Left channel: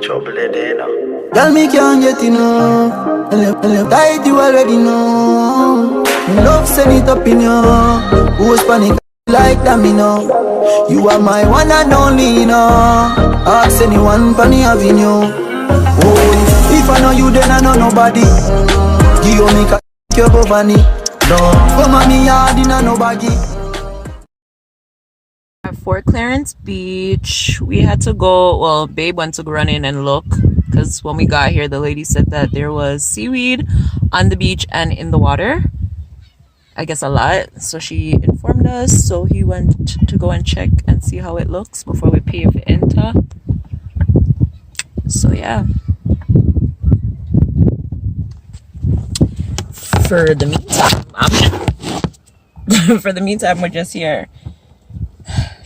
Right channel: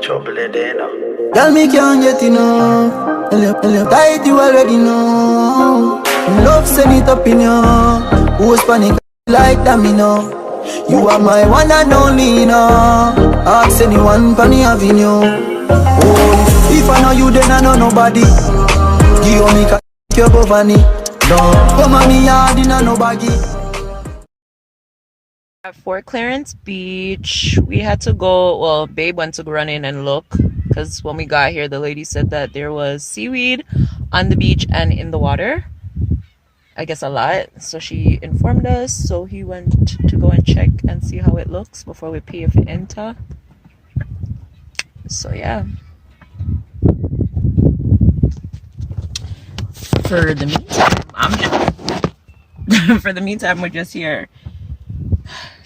Trouble it there now. Girl, me can't get enough. And you tight, you already know. Love send it up in you. Who's panic like that, me know. You are my one and only, you know. Ask anyone, Penny Avenue. Oh, if I know you, then I know nobody. Give me your governor. No, come on me yard in a no baggy. At Fort Clarence Beach, we had to go, well, Babe went to go run in and look, because when we got here, the lady said that there was seaweed on the beach and in the water. I guess a lot. So she informed us, so he went to go and check and see how it looks before we pay for enter. So yeah. For the meantime, we're just here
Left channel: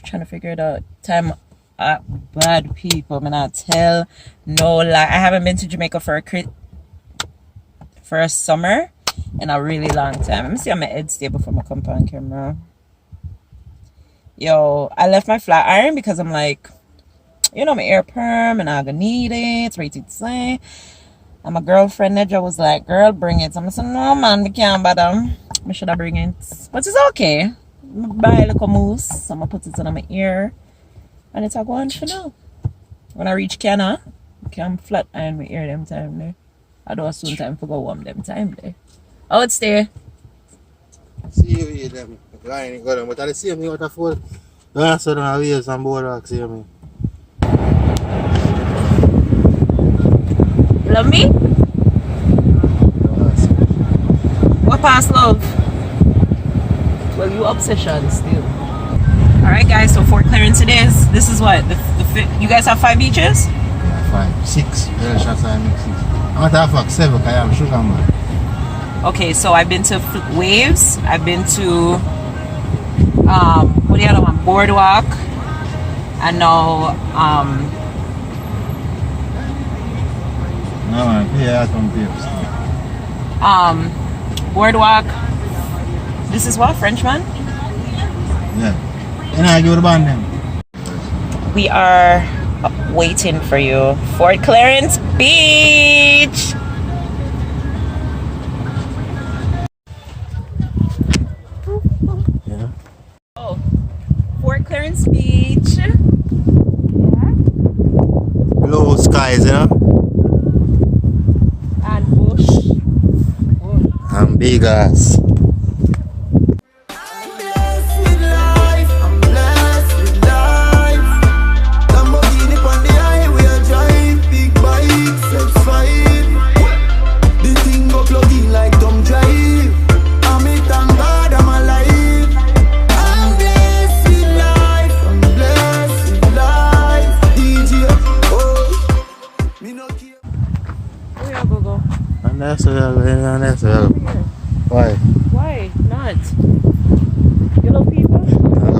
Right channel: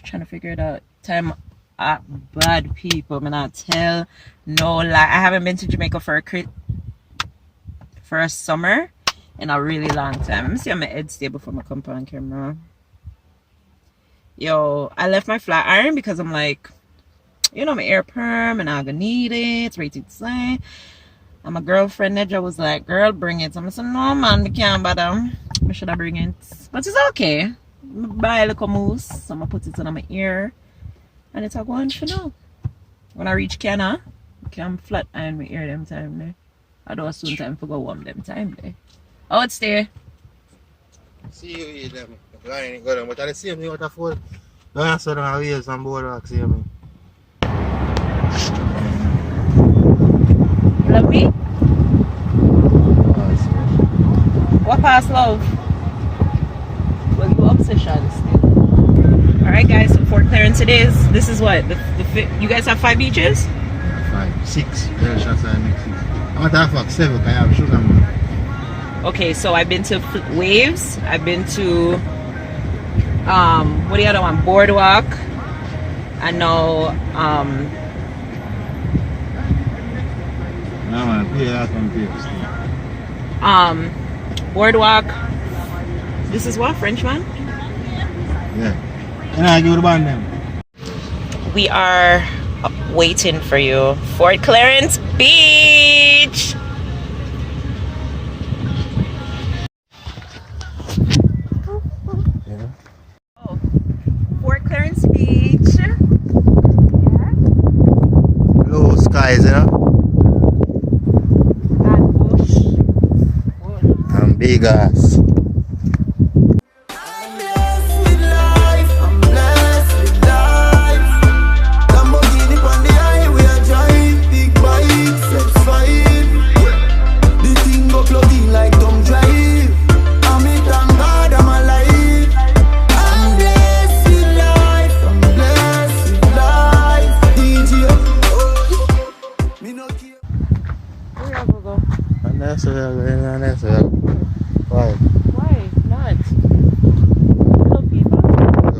trying to figure it out. Time at bad people, man. I tell no lie. I haven't been to Jamaica for a summer in a really long time. Let me see how my head stay before I come on camera. Yo, I left my flat iron because I'm like, you know, my air perm and I'm gonna need it. It's ready to say. And my girlfriend Nedra was like, girl, bring it. So I said, no man, we can't bother. I should have bring it. But it's okay. I buy a little mousse. So I'm gonna put it on my ear. And it's a go on for now. When I reach Canada, I can flat iron my ear them time there. I don't soon time for go warm them time there. Oh, it's there. See them line go down, but I see me what I for. When so now we have some boardwalk, see me. Love me? What past love? Well, you obsession still. Alright guys, so Fort Clarence it is. This is what? You guys have 5 beaches? 5, 6. Girl shots I make 6. I want to have 7 because I have sugar man. Okay, so I've been to Waves. I've been to what the other one? Boardwalk. And now no man, yeah, Boardwalk. This is what? Frenchman? Yeah. You know, I go to band them. We are waiting for you. Fort Clarence Beach. Yeah. Oh, Fort Clarence Beach. Yeah. Blue skies, you know? And bush. And big ass. Why? Why not? Little people?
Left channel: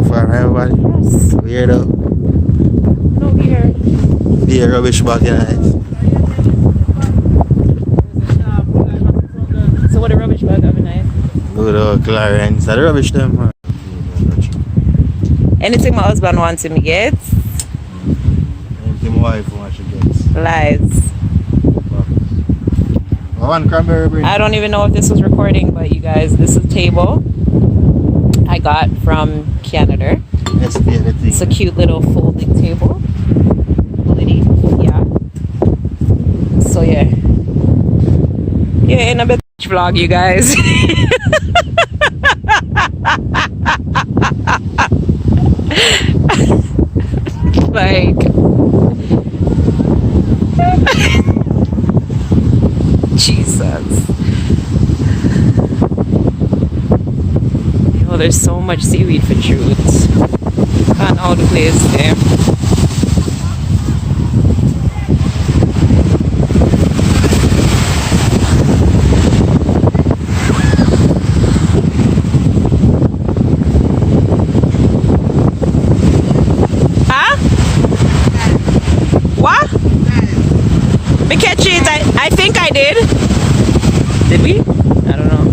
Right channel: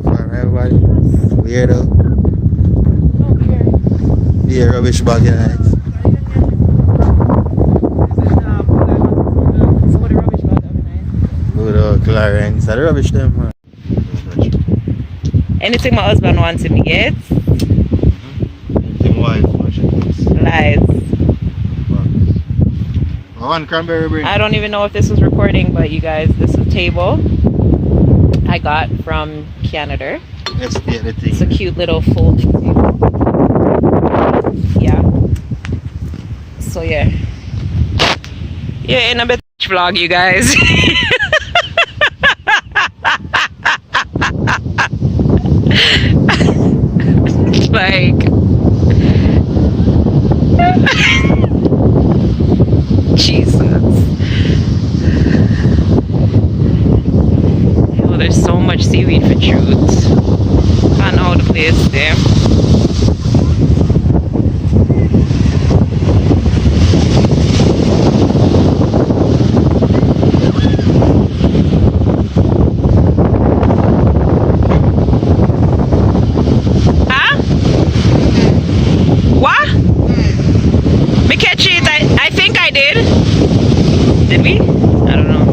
For everybody? Yes. Weirdo. No beer. Be a rubbish bag in it. So what a rubbish bag of a night? Good old Clarence. Are the rubbish them, man? Anything my husband wants him to get? Anything my wife wants to get. Lies. One cranberry bread. I don't even know if this was recording, but you guys, this is a table I got from Canada. Yes, It's a cute little folding table. Yeah. So yeah. Yeah, in a bit vlog, you guys. Like Jesus. Oh, there's so much seaweed for truth. Found all the place there. Huh? What? Me catch it. I think I did. Did we? I don't know.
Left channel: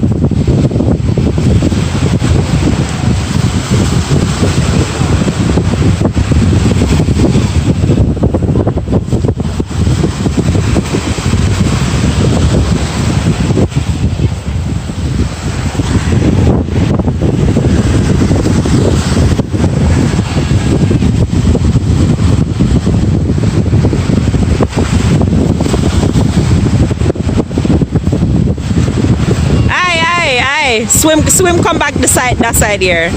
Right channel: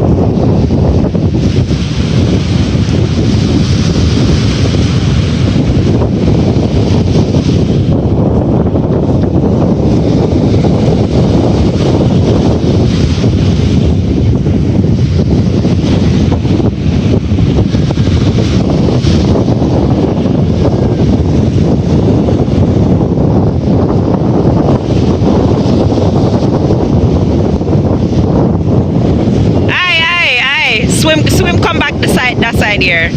Swim, come back that side here.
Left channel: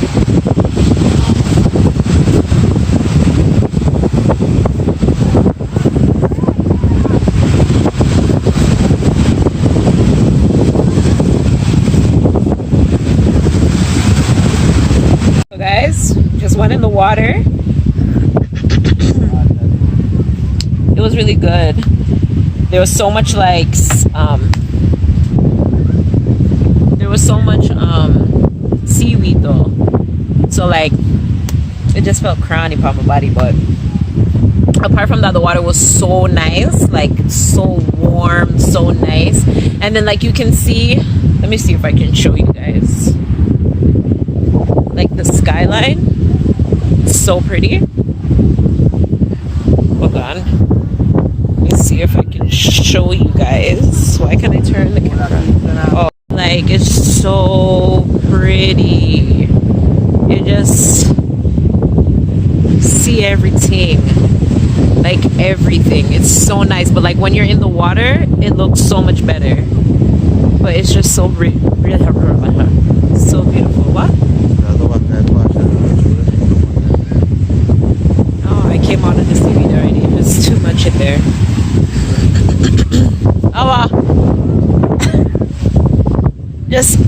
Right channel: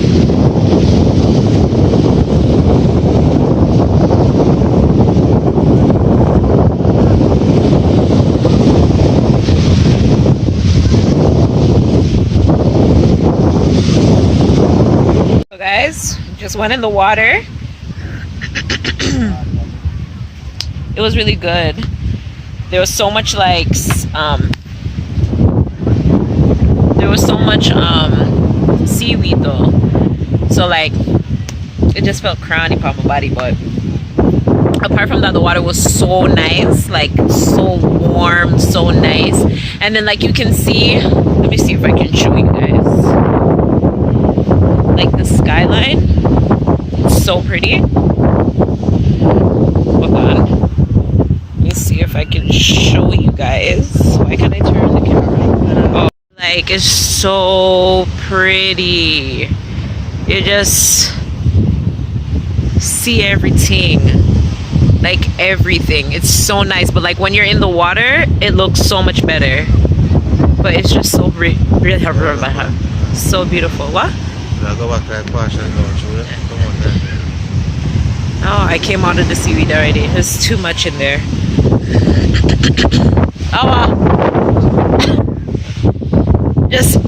So guys, just went in the water. It was really good. There was so much seaweed though, so like it just felt crowny upon my body. But apart from that, the water was so nice, like so warm, so nice. And then like you can see, let me see if I can show you guys, like the skyline, so pretty. Hold on, let me see if I can show you guys. Why can't I turn the camera? Oh, like it's so pretty. You just see everything, like everything. It's so nice. But like when you're in the water, it looks so much better. But it's just so so beautiful. What? Oh, I came out of the seaweed already. There's too much in there. Just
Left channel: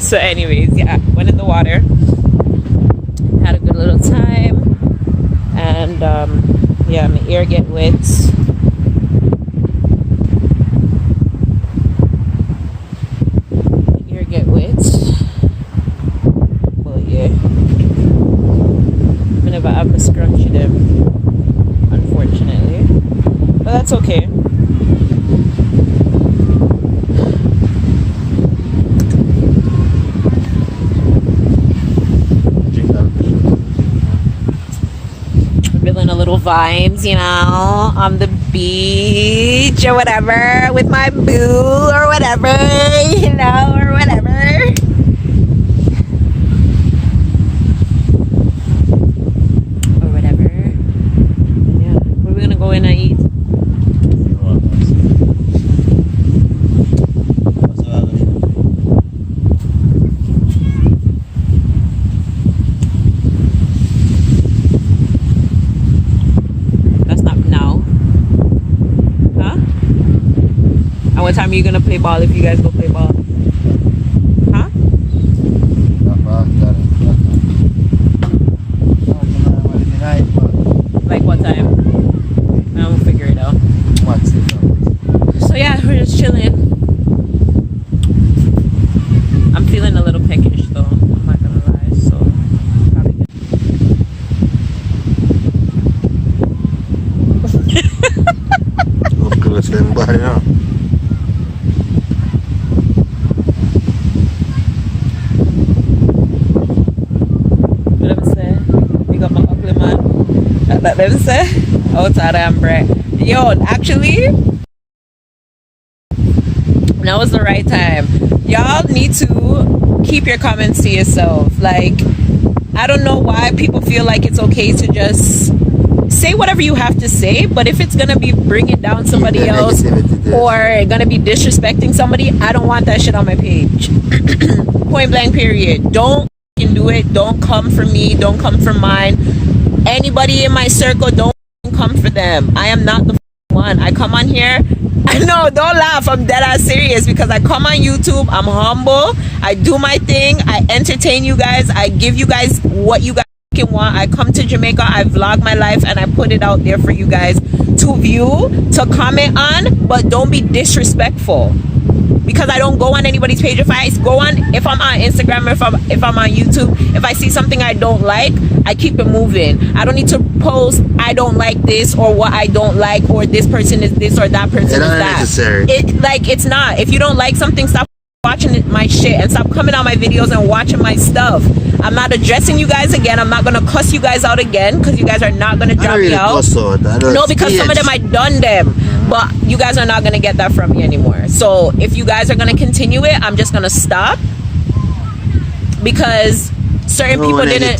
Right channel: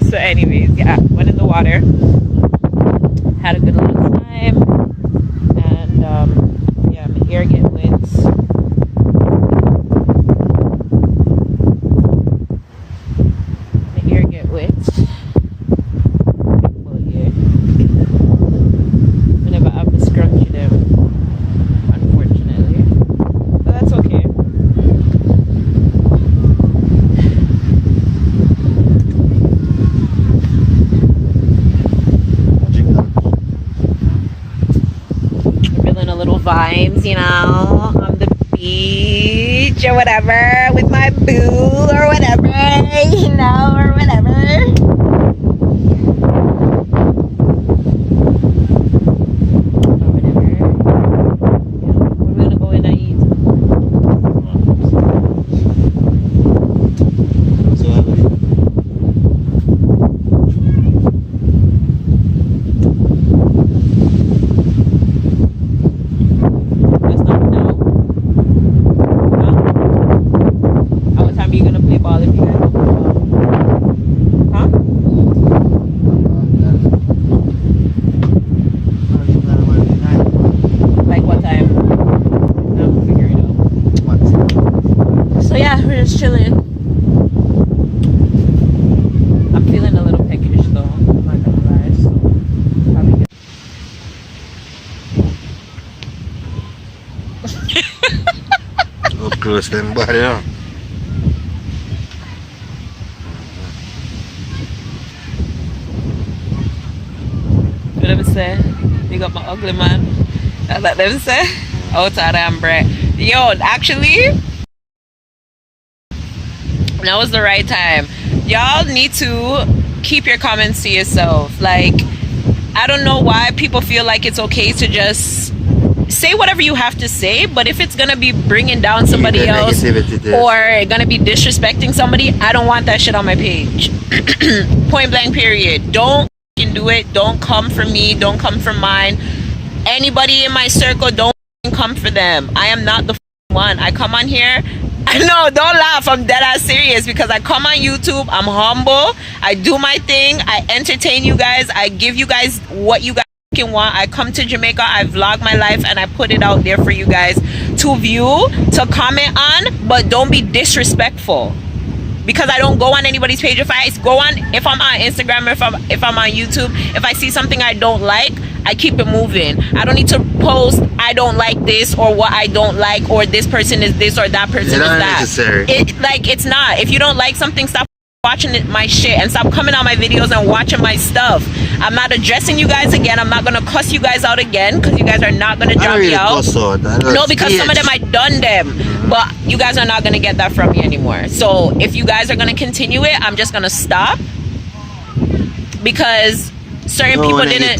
so anyways, yeah, went in the water, had a good little time, and yeah, my ear get wet. Well, yeah, I never have to scrunchie them, unfortunately, but that's okay. Feeling a little vibes, you know, on the beach or whatever with my boo or whatever, you know, or whatever. Yeah, where are we gonna go in and eat? What time are you gonna play ball if you guys go play ball? Huh? Like what time? I'll figure it out. So yeah, we're just chilling. I'm feeling a little peckish though, I'm not gonna lie, so probably Up close them body now. Let me say, big up my ugly man. Let me say, out of them, bruh. Yo, actually, now is the right time. Y'all need to keep your comments to yourself. Like, I don't know why people feel like it's okay to just say whatever you have to say, but if it's gonna be bringing down somebody else or gonna be disrespecting somebody, I don't want that shit on my page. Point blank period. Don't do it. Don't come for me, don't come for mine. Anybody in my circle, don't come for them. I am not the one. I come on here, I know, don't laugh, I'm dead ass serious, because I come on YouTube, I'm humble, I do my thing, I entertain you guys, I give you guys what you guys want. I come to Jamaica, I vlog my life, and I put it out there for you guys to view, to comment on, but don't be disrespectful. Because I don't go on anybody's page. If I'm on Instagram, if I'm on YouTube, if I see something I don't like, I keep it moving. I don't need to post I don't like this or what I don't like, or this person is this or that person is that. Necessary. It's not. If you don't like something, stop watching my shit and stop coming on my videos and watching my stuff. I'm not addressing you guys again. I'm not gonna cuss you guys out again, because you guys are not gonna drop me out. No, because some of them I done them, but you guys are not gonna get that from me anymore. So if you guys are gonna continue it, I'm just gonna stop, because certain people didn't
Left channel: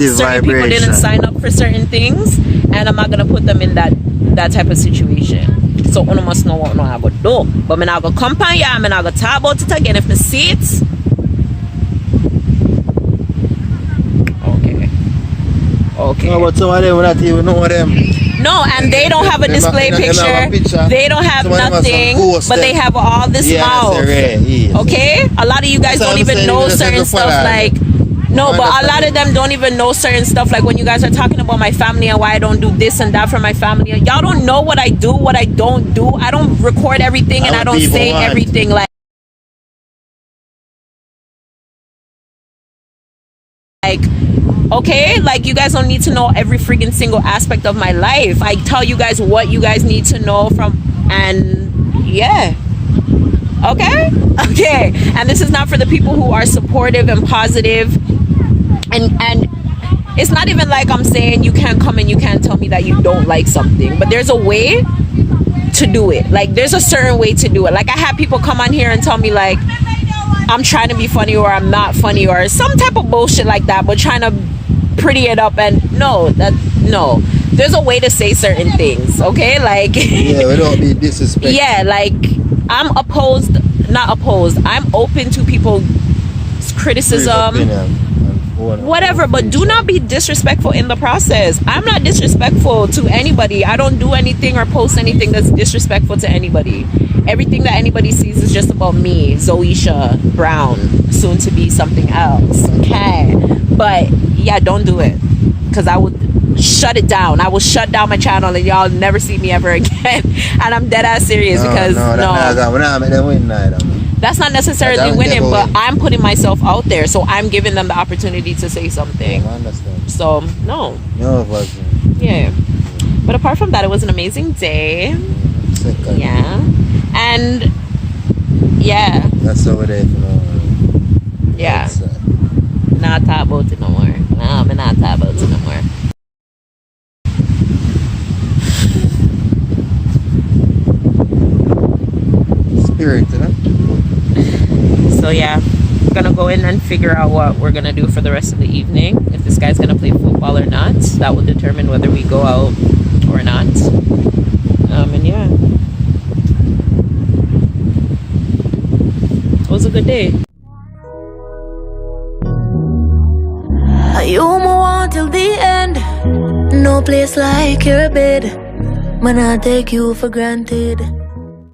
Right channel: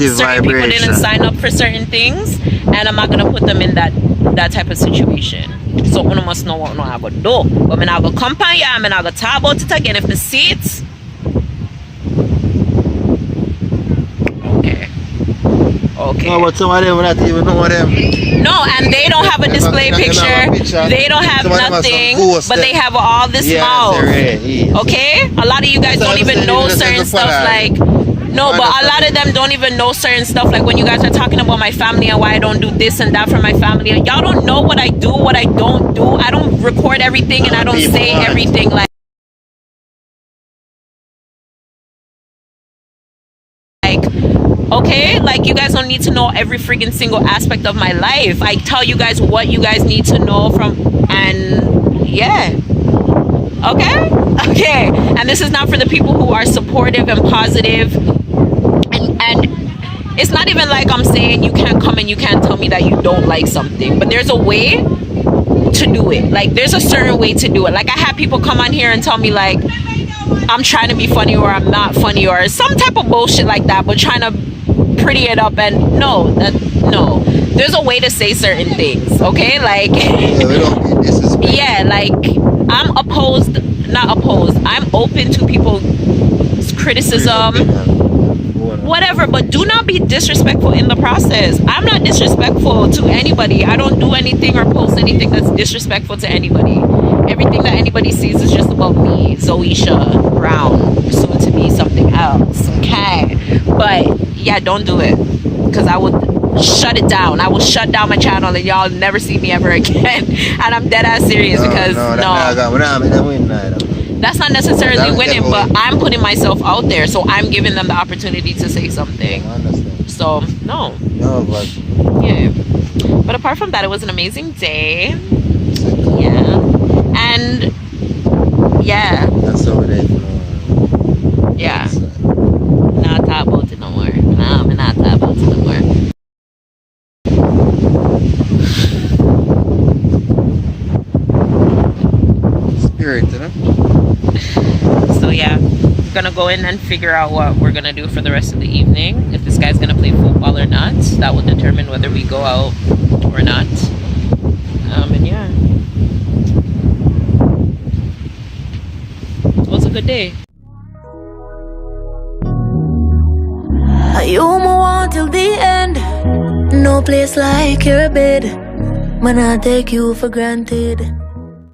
sign up for certain things, and I'm not gonna put them in that type of situation. So you must know what I go do. But I'm not gonna come on ya, I'm not gonna talk about it again. If the seats, okay. No, but some of them not even know them. No, and they don't have a display picture. They don't have nothing, but they have all this mouth. Okay? A lot of you guys don't even know certain stuff like... No, but a lot of them don't even know certain stuff like when you guys are talking about my family and why I don't do this and that for my family. Y'all don't know what I do, what I don't do. I don't record everything and I don't say everything like... Okay, like you guys don't need to know every freaking single aspect of my life. I tell you guys what you guys need to know from, and yeah. Okay, and this is not for the people who are supportive and positive, and it's not even like I'm saying you can't come and you can't tell me that you don't like something, but there's a way to do it. Like there's a certain way to do it. Like I have people come on here and tell me like I'm trying to be funny or I'm not funny or some type of bullshit like that, but trying to pretty it up, and no, there's a way to say certain things, okay? Like yeah, like I'm open to people's criticism, whatever, but do not be disrespectful in the process. I'm not disrespectful to anybody. I don't do anything or post anything that's disrespectful to anybody. Everything that anybody sees is just about me, Zoisha Brown, soon to be something else, okay? But yeah, don't do it, because I would shut it down. I will shut down my channel and y'all never see me ever again. And I'm dead ass serious, because that's not necessarily winning, but I'm putting myself out there, so I'm giving them the opportunity to say something. So no, yeah. But apart from that, it was an amazing day. Yeah, and yeah, that's over there. Yeah, not talk about it no more. No, I'm not talk about it no more. Spirit, huh? So yeah, I'm gonna go in and figure out what we're gonna do for the rest of the evening. If this guy's gonna play football or not, that will determine whether we go out or not. And yeah, it was a good day. You move on till the end. No place like your bed. Man, I take you for granted.